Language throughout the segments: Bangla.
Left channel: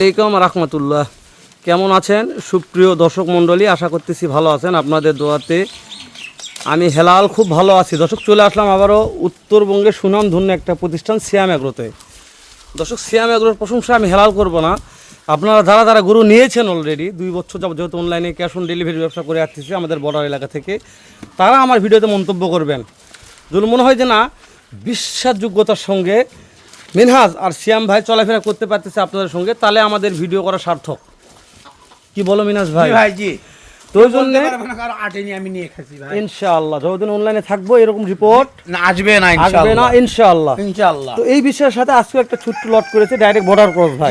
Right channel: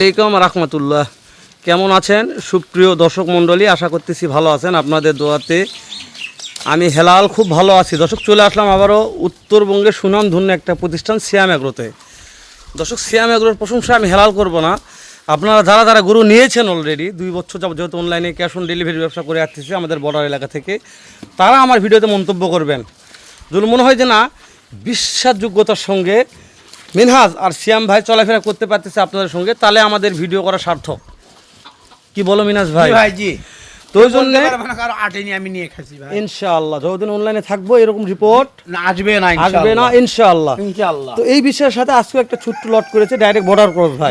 আসসালামু রাহমাতুল্লাহ। কেমন আছেন সুপ্রিয় দর্শক মণ্ডলী? আশা করতেছি ভালো আছেন আপনাদের দোয়াতে। আমি হেলাল খুব ভালো আছি। দর্শক চলে আসলাম আবারও উত্তরবঙ্গের সুনামধন্য একটা প্রতিষ্ঠান সিয়াম এগ্রোতে। দর্শক সিয়াম এগ্রোর প্রশংসা আমি হেলাল করব না। আপনারা যারা যারা গরু নিয়েছেন অলরেডি 2 বছর যাবত, যেহেতু অনলাইনে ক্যাশ অন ডেলিভারি ব্যবসা করে আসতেছি আমাদের বর্ডার এলাকা থেকে, তারা আমার ভিডিওতে মন্তব্য করবেন। যদি মনে হয় যে না বিশ্বাসযোগ্যতার সঙ্গে মিনহাজ আর সিয়াম ভাই চলাফেরা করতে পারতেছে আপনাদের সঙ্গে, তাহলে আমাদের ভিডিও করা সার্থক। কি বলো মিনহাজ ভাই? তো ওই জন্য ইনশাআল্লাহ যতদিন অনলাইনে থাকবো এরকম রিপোর্ট আসবে না ইনশাআল্লাহ। তো এই বিষয়ের সাথে আজকে একটা ছোট্ট লট করেছে ডাইরেক্ট বর্ডার ক্রস ভাই।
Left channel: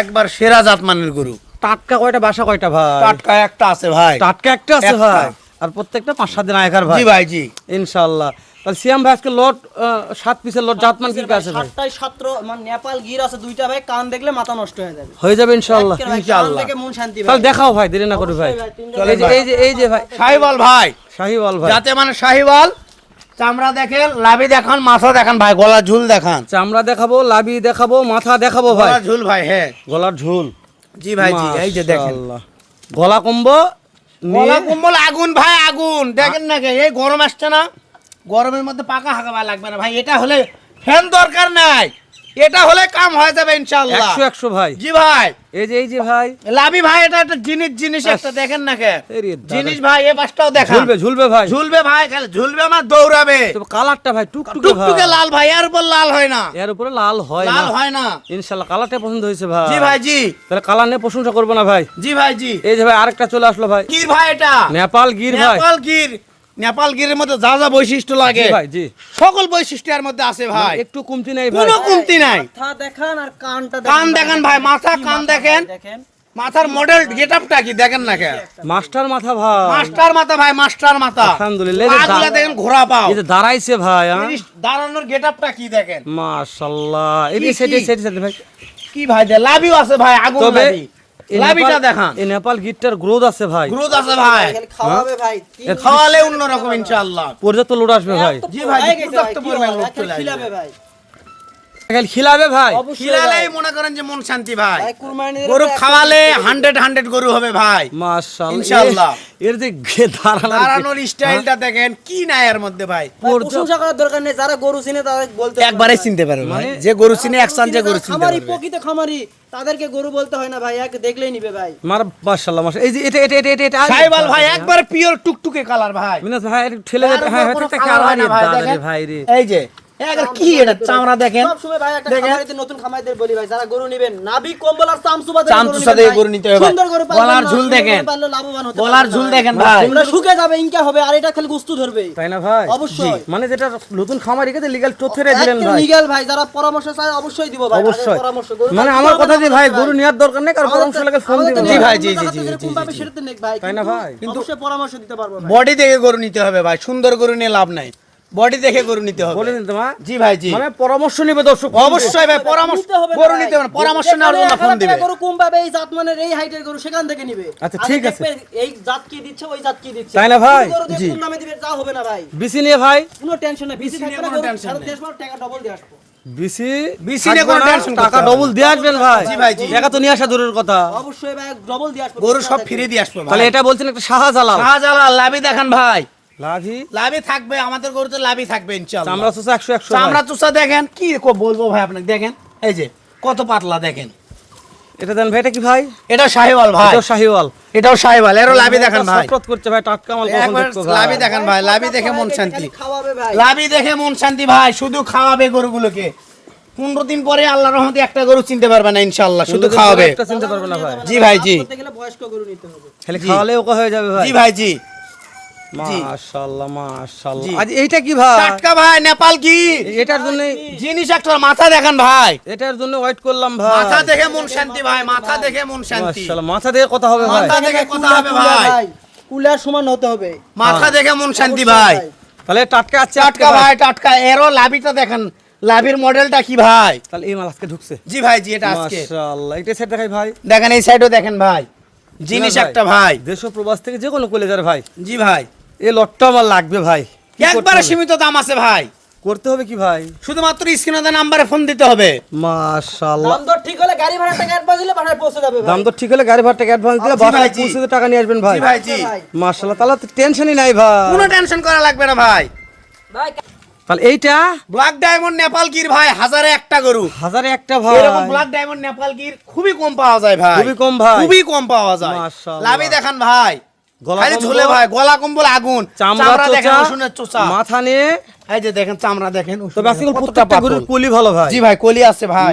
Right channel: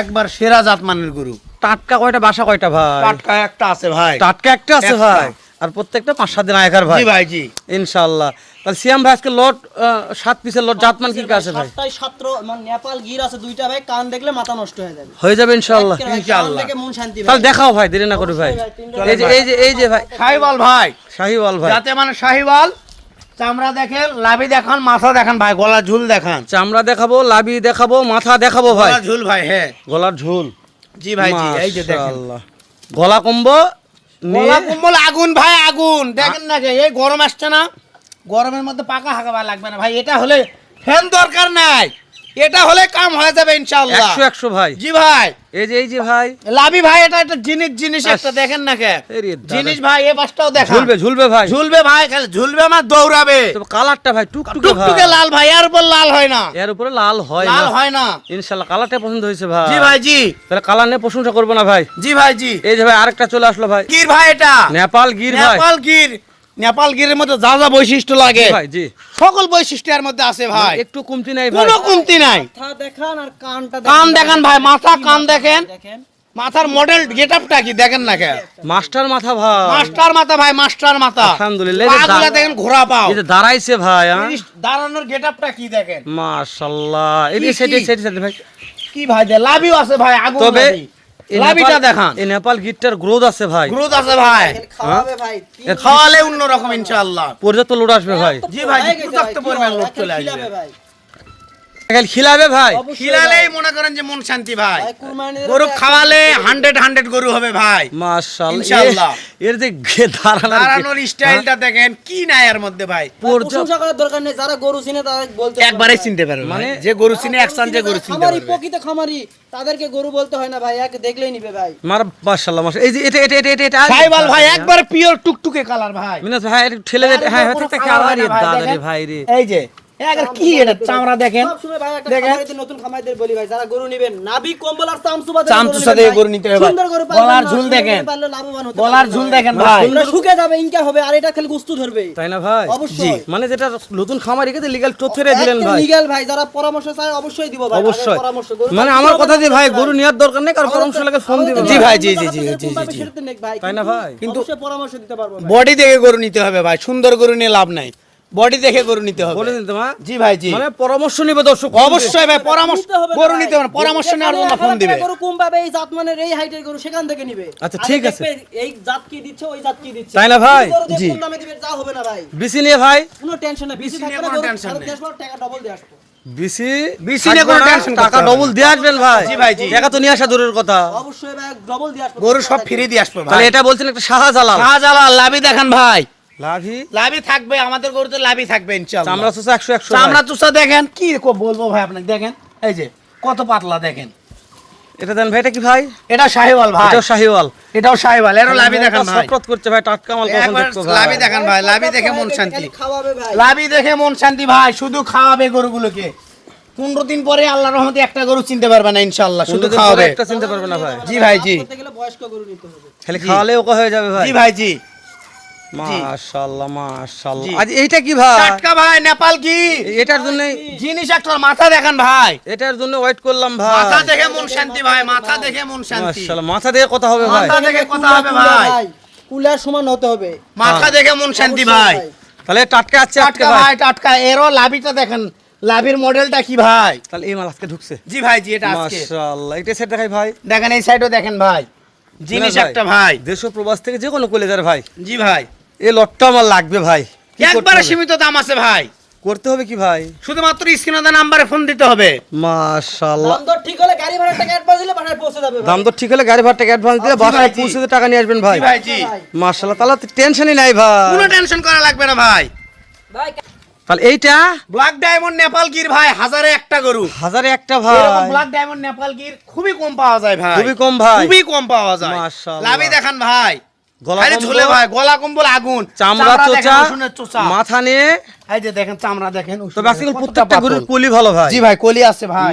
একবার সেরা জাতমানের গরু। টাটকা কয়টা বাসা কয়টা ভাই? টাটকা একটা আছে ভাই। টাটকা একটা আছে ভাই, আর প্রত্যেকটা 5-7 দিন আগেকার ভাই। জি ভাই জি ইনশাআল্লাহ। তাহলে সিয়াম ভাই আজকে লট 7 পিসের লট জাতমান কি আছে ভাই? 7 মানে নেপাল গির আছে দুইটা ভাই, কান দেখলে মাথা নষ্ট হয়ে যাবে। হয়ে যাবে ইনশাআল্লাহ। ইনশাআল্লাহ দেখে মন শান্তি ভাই। তাহলে দেখাও ভাই, দেরি না করে ভাই। এই যে ভাই শাহিওয়াল ভাই, শাহিওয়াল ভাই। যাতে মানে শাহিওয়াল চামড়া দেখেন, লাভি দেখান, মাথা দেখান ভাই, গলা ঝুল দেখান। চামড়া দেখাবো, লাভি দেখাবো, মাথা দেখাবো ভাই। গলা ঝুল ভাই, হ্যাঁ গলার ঝুল। জি ভাই জি, এই যে দেখেন মাশাআল্লাহ। গলা কম্বো গলা কম্বল আগুন ভাই আগুন। দেখেন না এই গরম আসছে না, গরমের মধ্যে পাকা হাগা লাগবে না ভাই। এটা হলে ফ্যান দরকার নাই, এটা হলে কাম হয়ে যাবে ইনশাআল্লাহ। 100 ভাই। জি ভাই এই যে ভাই লাভি ভাই, এটা একটা জিনিস একটা দেখেন না জিনিস ভাই। এই পাশটাও দেখেন, ঝুলবে ভাই, ঝুলবে ভাই, খালি ঝুলবে না, দৌড়াবে। তবে কালারটা ভাই টুকটুকে ভাই, টুকটুকে লাল ভাই, এর উপর লাল হয় না, এর উপরে লাল হয় না, লাল হয় না ইনশাআল্লাহ। কালারটা পছন্দ হয়েছে ভাই। জি ভাই জি। তাহলে কালার নিয়ে প্রশংসা করবো না ভাই? জি ভাই জি। এই যে ভাই আরেকটা চলে আসলো ভাই। গির ভাই, এটা নেপাল গির ভাই। নেপাল গির। নেপাল গিরের মধ্যে যা যা বৈশিষ্ট্য লাগে ভাই জি, সকল বৈশিষ্ট্য এর মধ্যে আছে ভাই, একটু কমতি নাই ভাই, কোনো কমতি নাই। মাথা দেখান আর কানটা কান দেখেন ভাই, মাথা কান দেখেন, মাথার মডেল গেটআপটা কি দেখেন না কে, মাস্টার মাথা ভাই, মাস্টার মাথা ভাই, মাস্টার মাথা। আলহামদুলিল্লাহ। পাগুলা দেখেন ঘোড়া পাও, এই যে দাঁড়াইছে ভাই, দাঁড়ানোর গেটআপটা কি দেখেন, মাশাআল্লাহ। এই সেটি ভাই কি ভাই দে, লাভিও আছে ভাই, আগুন তবে লাভি। লাভিটা দেখান, এই নেপাল গিটটার গ্রোথ আছে ভাই, গ্রোথ আছে ভাই, খাওয়াবে ভাই। খাওয়ালে অন্যরকম ইনশাআল্লাহ। পর্যাপ্ত লোড আসবে ভাই। জি ভাই, পর্যাপ্ত পরিমাণ লোক চলে আসবে খিলাবে ভাই। খিলাবে ভাই, খিলালেই মনে করেন যে মন শান্তি ভাই। ভাই কুরবানির গরু খাওয়ালে 100 গরু হবে ভাই মাশাআল্লাহ ইনশাআল্লাহ। এর যে দাঁড়ানোর স্টাইলটা দেখেন, কি নাই এর মধ্যে ভাই। প্রশংসা করার দরকার নেই, যারা গরু চিনে তারা বলতে একবারে চিনতে পারবে, মানে যে গরু চিনে একসাথে যে গরু চিনতে খামারি, পারবে। প্রকৃত খামারি, তাদেরকে গরু বলতে হয় না ভাই, এক দেখলেই নিবে ভাই। মাশাআল্লাহ মাশাআল্লাহ। এই যে এটা সাইবাল ভাই, একবারে পিওর টুকটুকে কালার ভাই। মিনাস ভাই একটু ঠেলে দে। হ্যাঁ হচ্ছে কি আর দাদা রে ভাই রে। এই যে এর কি এটা চামড়া দেখেন। সব সময় ভাই একটা খামারিতে, নতুন খামারিদের বলি ভাই, যারা গরু নেবেন নাভি কম্বল আর চামচুবা দিয়ে গরু নিতে হবে। সুন্দর গরু পালন, গলার ঝুল দেখেন, পাললে লাভবান হতে গলার ঝুল দেখেন ভাই, সুন্দর শুকে যাবে, ইনকা হবে, আর এটা খালি গুস্তু ধরবে, তাই না ভাই? অবশ্যই। মানে যেটা নতুন খামারিকে লিগ্যাল তথ্যরে দিলেন ভাই। লিগ্যাল ভাই, যারা পরামর্শ চায় অবশ্যই দিব ভাই, অবশ্যই। পরামর্শ গরু মানে আমার কথা যে ভাই গরু নেওয়ার দরকার নেই, কার পরামর্শ লাগে ফোন দিবেন। জি ভাই জি জি জি জি। সেটাতে নেক ভাই, তাই না ভাই? কিন্তু অবশ্যই পরামর্শ দিতে পারবো ভাই। বডি দেখে গরু নিতে হবে ভাই, সুন্দর গরু নিয়ে লাভ নাই, বডি দেখে গরু নিতে হবে। বলে দিন মা। জি ভাই জি। মানে পরামর্শ নিবে দর্শক, অবশ্যই ভাই পরামর্শ গরু নিতে হবে, পরামর্শ নেওয়ার জন্য ফোন দিবে। গরু কম পাবে, এই জাতমানের এই হাইটের গরু সেখান থেকে নিবে। আচ্ছা ঠিক আছে, এই জাত কি দিচ্ছে, ওই জাত কি দিচ্ছে, তাই না ভাই? জি, কোন নামে দিবে তা হবে না ভাই। বিসি নিয়ে ভাই কোনো টেনশন নাই, বিসি থাকবে না, গরু আর দেশবার টাকা ডাবল দিয়ে আসবো। বিসি নিয়ে থাকবে না, টেনশন টাকা ডবল দিয়ে আসবেন ভাই। জি ভাই জি। টাকা তো নিয়ে আসা দূরের কথা, অবশ্যই ভাই ডাবল দিয়ে আসবো, গরু সব ফ্রি দিয়ে আসবে ভাই। তাহলে এটা বলছেন একটা শাহজালাল। শাহজালাল লাভি দেখেন ভাই, লাভি লাভি থাকবে, আমাদের গরুতে লাভি থাকবে ইনশাআল্লাহ। চামড়া চোষা 100 ভাই। চামড়া চুষা দেখেন, কি বলবো ভাই আপনাকে, দেখেন এই যে কত পাতলা দেখেন। এটা দেন ভাই, এটা কি ভাই? এটা শাহিওয়াল ভাই, এটাও শাহিওয়াল। এটাও শাহিওয়াল, এরও লাভি দেখেন ভাই, সফরত করছে ভাই, টাটকা মাল কখন দেখছো ভাই? লাভি দেখেন ভাই, লাভি দেখে মন শান্তি, খাওয়াবে ভাই, লাভি দেখে মন শান্তি ভাই। শুধু খাওয়াবে গরুগুলোকে, 15 দিন পরে আল্লাহর রহমতে একটা গরু চিনতে পারবে না ইনশাআল্লাহ, শুধু খাওয়াবে। একটা চিনতে পারবে না ভাই। জি ভাই জি। করতে গেলে বয়স্ক গরু নিতে হবে, খালি খাওয়ালে ওকে হয়ে যাবে ভাই। জি ভাই জি। মাশাআল্লাহ মাশাআল্লাহ। আজ এইটা কি ভাই? টাটকা ভাই, নেপাল কি এটার জন্য জিনিস একটা, মাথা দেখেন ভাই, এটার জন্য ওয়েট করলাম ভাই। মাথা দেখে মন শান্তি ভাই, মাথা দেখে মন শান্তি, মাশাআল্লাহ। মাথা দিয়ে কথা হবে ভাই, মাথা দেখে কথা হবে ভাই, কুলার সমান হতে হবে, মাথা দেখে মন শান্তি ভাই। তাহলে টাটকা আছে আজকে টাটকা ভাই। ভাই, টাটকা। এরও লাভিটা দেখেন, লাভির মডেলটা কি ভাই। তাহলে এই মাল আজকে ঢুকছে। জি ভাই জি, এটা আজকে মাশাআল্লাহ। এটা সেট দেখাই ভাই, দেখেন, এই সাইডও দেখেন ভাই, জিনিস একটা ভাই। দেশ ও প্রবাস থেকে যে কোনো কলেজার ভাই, জি ভাই, এই লটটা আমার লাগবে ভাই। কি করতে একবারে হবে? সীমিত দাম আছে ভাই, করতে হবে কি ভাই? শুধুমাত্র স্ক্রিনে নাম্বারে ফোন দিতে হবে। মাশাআল্লাহ। দাম দর ঠিক হলে গাড়ি ভাড়া টাকা অ্যাডভান্স দিলে বাসায় পৌঁছে যাবে ভাই। দাম তো ঠিক হলে গাড়ি ভাড়া টাকা অ্যাডভান্স দিলে জি বাসায় ভাই, জি। পৌঁছে দিয়ে টাকা নিয়ে আসবেন ভাই। জি ভাই, জি। মাশাআল্লাহ, তাহলে তো টেনশনই নাই ভাই। কোনো টেনশন করা লাগবে না ভাই। ভাই তাহলে এইটা ব্ল্যাক ডায়মন্ড নেপাল গির ভাই, হাজারে একটা গরু। 1000 একটা এরকম ভাই, ব্ল্যাক ডায়মন্ড নেপাল গির খুবই কম পাওয়া যায় ভাই। খুবই কম ভাই। খুবই কম পাওয়া যায়। মাশাআল্লাহ। লাভি দেখান ভাই। গলা খালি কম্বল, ঝোলে ভাই, গলা কম্বল আগুন। চামড়া দেখেন, চোচা, রসুনের চোচা। মাথা নিয়ে। এই যে দেখেন চামড়া দেখেন। তবে আজকাল কতটা প্রত্যেকটা পাতল। গরুর কলি ভালো ভাই। জি ভাই, কলি আছে ভাই।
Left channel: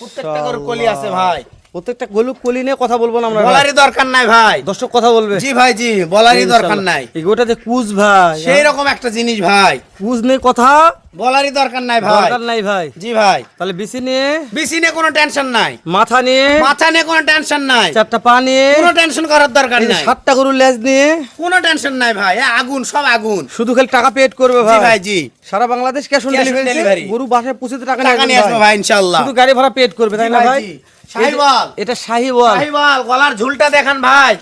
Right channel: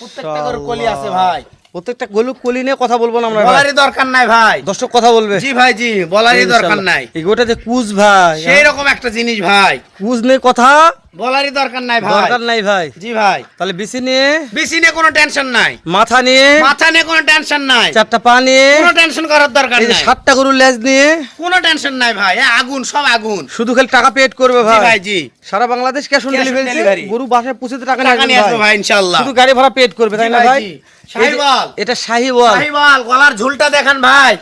প্রত্যেকটা গরুর কলি আছে মাশাআল্লাহ। ভাই। প্রত্যেকটা গরুর কলি নিয়ে কথা বলবো না আমরা ভাই। বলারই দরকার নাই ভাই। দর্শক কথা বলবে। জি ভাই, জি, বলারই দরকার নাই। এই গোটা যে কুজ ভাই, সেই রকম একটা জিনিস ভাই, কুজ নিয়ে কথা বলারই দরকার নাই ভাই। দরকার নাই ভাই। জি ভাই, তাহলে বিসি নিয়ে, বেশি নিয়ে কোনো টেনশন নাই। মাথা নিয়ে, মাথা নিয়ে কোনো টেনশন নাই। চারটা পা নিয়ে, কোনো টেনশন করার দরকার এই যে নাই। 7টা গরুর লেজ নিয়ে কোনো টেনশন নাই ভাই। আগুন, সব আগুন। শুধু খালি টাকা পেড করবে জি ভাই। ভাই, জি। সারা Bangladesh cash on Cash on delivery, delivery। গরু বাসায় পৌঁছে দিয়ে টাকা নিয়ে টাকা আসবেন নিয়ে আসবো ভাই। ভাই ইনশাআল্লাহ। শুধু গাড়ি ভাড়া পেড করবে, তাই না জি ভাই? জি। শাহিওয়াল। এটা শাহিওয়াল, শাহিওয়াল, গলার ঝুলটা দেখান ভাই।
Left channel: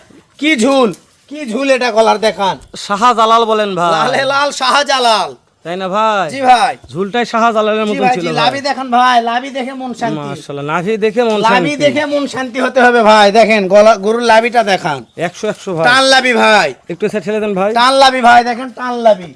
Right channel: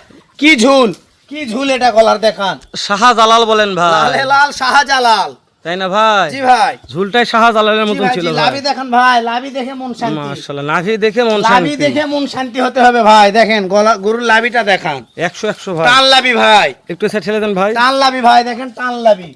কি ঝুল, কি ঝুল এটা গলার দেখান। শাহজালাল বলেন ভাই, লালে লাল শাহজালাল। তাই না ভাই? জি ভাই, ঝুলটাই শাহজালালের জি মতন ভাই, ছিল জি। ভাই। লাভি দেখান ভাই, লাভি দেখে মন শান্তি। মাশাআল্লাহ, নাভি দেখে মন লাভি শান্তি। দেখে মন শান্তি হতে হবে ভাই। দেখেন গলা, গরুর লাভিটা দেখান। 100 ভাই। টান লাভি ভাই, একটু সেট ছেড়ে দেন ভাই। টান লাভি ভাই, দেখেন টান লাভি,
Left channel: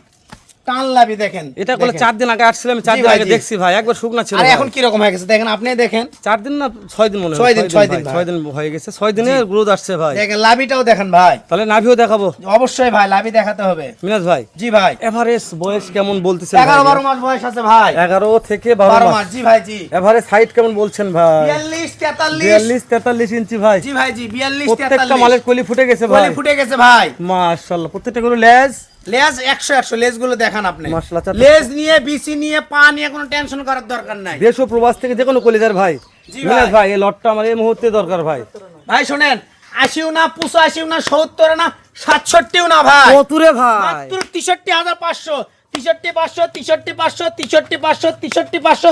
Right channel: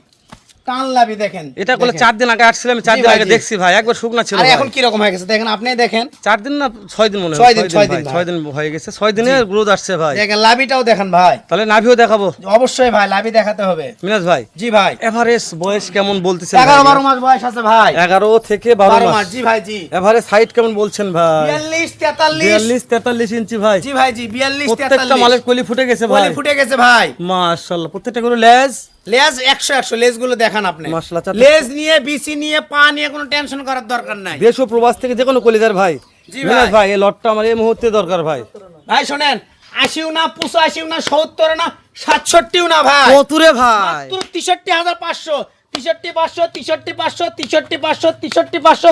টান লাভি দেখেন। এটা করলে দেখেন। 4 দিন আগে আসছিলাম, 4 জি দিন ভাই, আগে জি। দেখছি ভাই, একবার শুকনা ছিল আর ভাই। এখন কি রকম হয়ে গেছে দেখেন, আপনি দেখেন। 4 দিন না 6 দিন মনে হয়, 6 দিন, 6 দিন ভাই, ভাই। 6 দিন হয়ে গেছে। 6 দিনে গ্রোথ আসছে ভাই। দেখেন লাভিটাও দেখেন ভাই। তাহলে নাভিও দেখাবো অবশ্যই ভাই, লাভি দেখাতে হবে। মিনাজ ভাই। জি ভাই, এভারেজ বয়স কেমন বলতেছেন ভাই? 11-12 মাস বয়স আছে ভাই। 11 থেকে 12 12 মাস, মাস। জি ভাই, জি। এভারেজ হাইট কেমন বলছেন ভাই? 42-43 43 ইঞ্চি ভাই। জি ভাই, জি। 42-43 প্রত্যেকটা মালের কলি ফুটে গেছে ভাই। কলি ফুটে গেছে ভাই। মাশাআল্লাহ, প্রত্যেকটা গরু লেজ লেজ 100 লেজ গুলো দেখান আপনি। মাশাআল্লাহ, চারটা- লেজ নিয়ে, বিসি নিয়ে, পা নিয়ে কোনো টেনশন করার দরকার নাই। দেশ ও প্রবাস থেকে যে কোনো কলিদার ভাই। জি মিনাজ ভাই। ভাই, এই লটটা আমার এই মুহূর্তে দরকার ভাই। ভাই শোনেন, 80 না 85 না 70 না 67 না ভাই। কতুরে ভাই। মাত্র 63,500, 63,500, 63,500, 63,500, 63,500,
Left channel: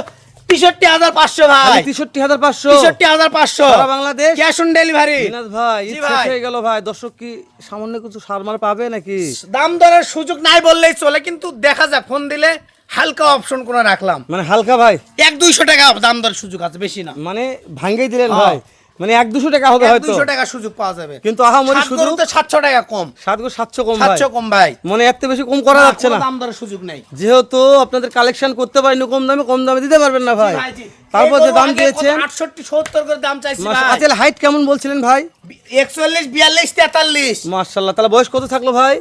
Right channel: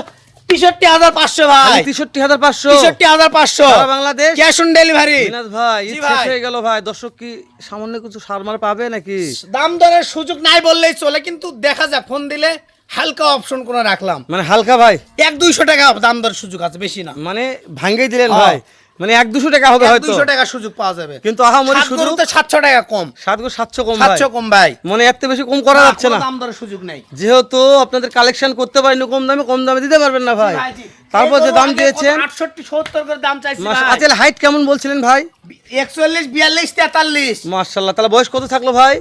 63,500 ভাই। খালি 63,500। 63,500 সারা বাংলাদেশ ক্যাশ অন ডেলিভারি। মিনাজ ভাই, জি ঈদ শেষ ভাই। হয়ে গেল ভাই। দর্শক কি সামান্য কিছু সারমার পাবে নাকি? দাম দরের সুযোগ নাই বললেই চলে, কিন্তু দেখা যাক, ফোন দিলে হালকা অপশন করে রাখলাম। মানে হালকা ভাই, 1-200 টাকা দাম দরের সুযোগ আছে, বেশি না। মানে ভাঙ্গেই দিলেন হ্যাঁ। ভাই। মানে 1-200 টাকা হবে হয়তো, 200 টাকা সুযোগ পাওয়া যাবে। কিন্তু আহামরি সাত শুধু গরুতে 700 টাকা কম। 7 গো 700 কম ভাই। 700 কম ভাই। মানে এত বেশি কম করা যাচ্ছে কোনো না, দাম দরের সুযোগ নাই। যেহেতু আপনাদের কালেকশন করতে পারেন কম দামে দিতে পারবেন না ভাই। ভাই, জি। তারপর এই যে গরু দাম আগে দিয়েছেন, 68-70 করে দাম চাইছি ভাই। আচ্ছা হাইট কেমন বলছিলেন ভাই? 41-42-43 মাশাআল্লাহ, তাহলে বয়স কত থাকলো ভাই?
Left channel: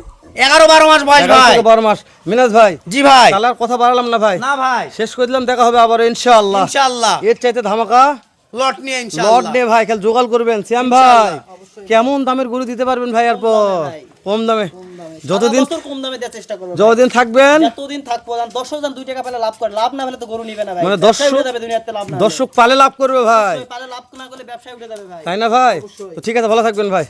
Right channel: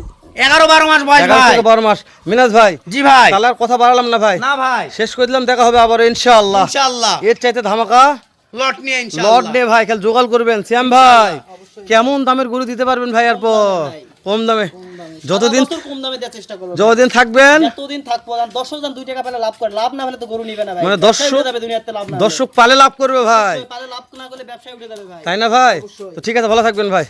11-12 মাস বয়স 11 ভাই। থেকে 12 মাস। মিনাজ ভাই, জি ভাই। তাহলে আর কথা বাড়ালাম না ভাই, না ভাই, শেষ করে দিলাম। দেখা হবে আবার ইনশাআল্লাহ। ইনশাআল্লাহ এর চাইতে ধামাকা লট নিয়ে লট ইনশাআল্লাহ। নে ভাই, খেল জোগাড় করবেন। শ্যাম ভাই, কেমন দামের গরু দিতে পারবেন ভাই? আর কম দামে যতদিন সারা বছর কম দামে দেওয়ার চেষ্টা করবো ভাই। যতদিন থাকবেন, যতদিন থাকবো, আর 10 জন 2 টাকা পেলে লাভ করে, লাভ না পেলে তো গরু নিবে না ভাই। মানে ব্যবসায় দর্শক- উঠে যাবে দুনিয়াতে, লাভ না হলে। দর্শক পালে লাভ করবে ভাই, পালে লাভ না করলে ব্যবসায় উঠে যাবে ভাই। তাই না ভাই? অবশ্যই। তো ঠিক আছে, ভালো থাকবেন ভাই।